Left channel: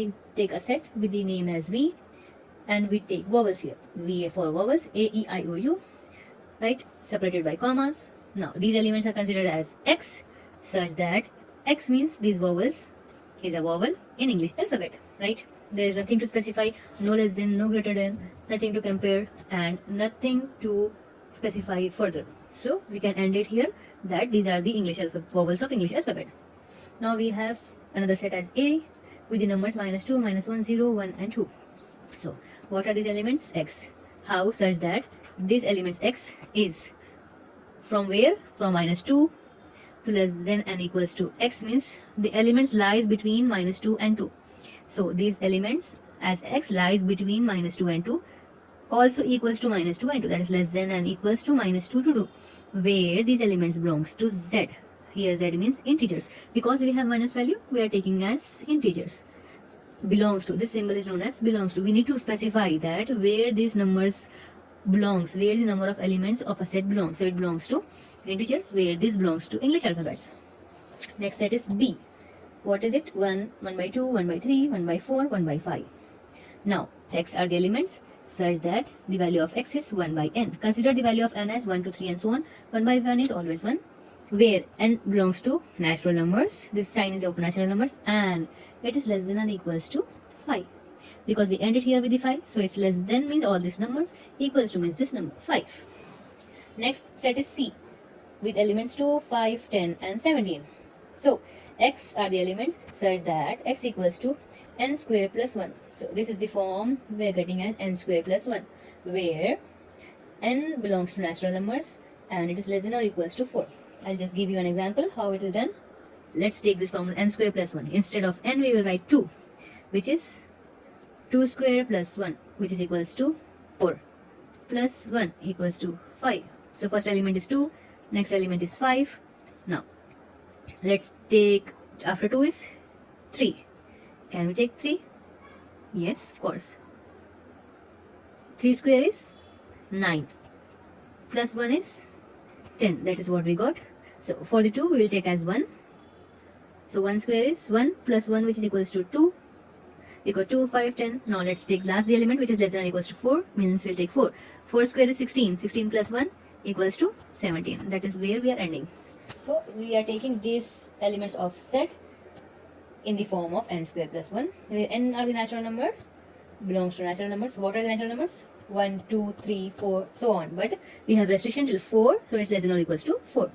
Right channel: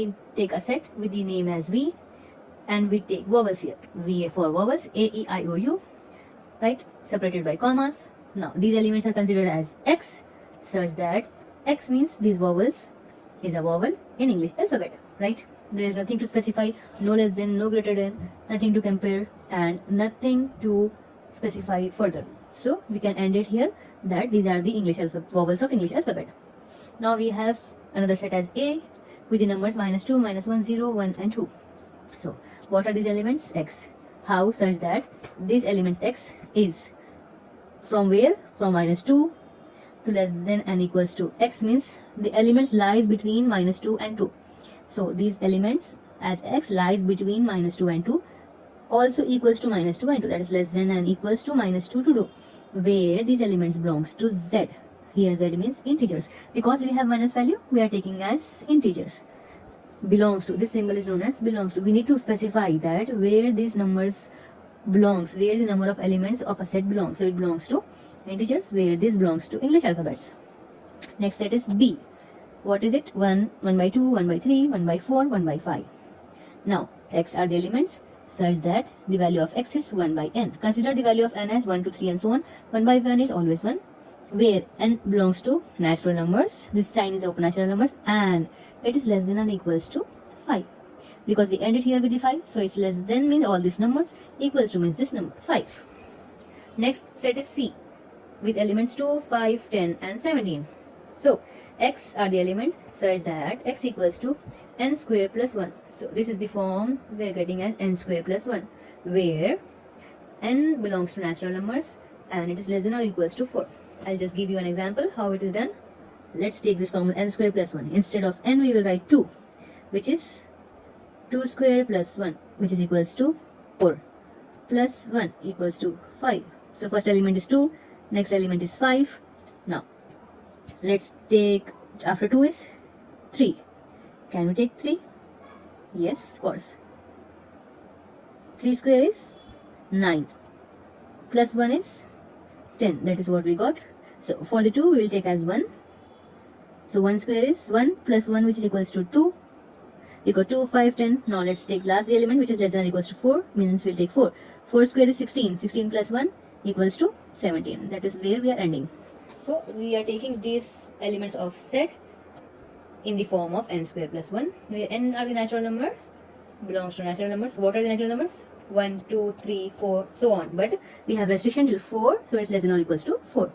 we take a set with the name as V, and we take vowels here. V for vowels, A, E, I, O, U, right? Separated by commas. Now these elements are considered as X, such that X means these vowels is a vowel in English alphabet, right? There is nothing to specify, no less than, no greater than, nothing to compare, and nothing to specify further. So we can end it here that these are the English vowels of English alphabet. Now we have another set as A with the numbers -2, -1, 0, 1, and 2. So what are these elements? X. How? Such that these elements X is from where? From -2 to less than and equals to. X means the elements lies between -2 and 2. So these elements as X lies between -2 and 2 also equals to -2 and 2, that is less than and equals to -2 to 2, where these elements belongs to Z. Here Z means integers. Because we have minus value, we are taking as integers. Belongs to, this symbol is known as belongs to. We need to specify that where these numbers belongs, where the number of elements of a set belongs. So it belongs to integers, where this belongs to English alphabets. Next set is B. What is it? 1, 1 by 2, 1 by 3, 1 by 4, 1 by 5. Now X are the elements such that the value of X is 1 by n. Consider the value of n as 1, 2, 3 and so on. 1 by 1 is always 1, where n belongs to natural numbers. This sign is of natural numbers and it is less than or equals to 5. Because we ended here with the 5, so it's less than means all these numbers, equals to means this number 5. Next set is C with elements 2, 5, 10 and 17. So X are the elements such that X equals to n square plus 1. So this is the form we are getting as n square plus 1, where n belongs to natural numbers and it is less than or equals to 4. I'll just give you an example how it is done. Let's take this formula n square plus 1. Instead of n we will write 2, which is 2 square plus 1, which is equals to 4, plus 1 equals to 5. So first element is 2, next element is 5. Now let's take, after 2 is 3. Can we take 3? Yes, of course. 3 square is 9, plus 1 is 10. That is what we got. So for the 2 we will take as 1. So 1 square is 1 plus 1, which is equals to 2. We got 2, 5, 10. Now let's take last the element which is less than or equals to 4, means we'll take 4. 4 square is 16. 16 plus 1 equals to 17. That is where we are ending. So we are taking these elements of set in the form of n square plus 1, where n are the natural numbers, belongs to natural numbers. What are the natural numbers? 1, 2, 3, 4, so on. But we have restriction till 4, so it's less than or equals to 4.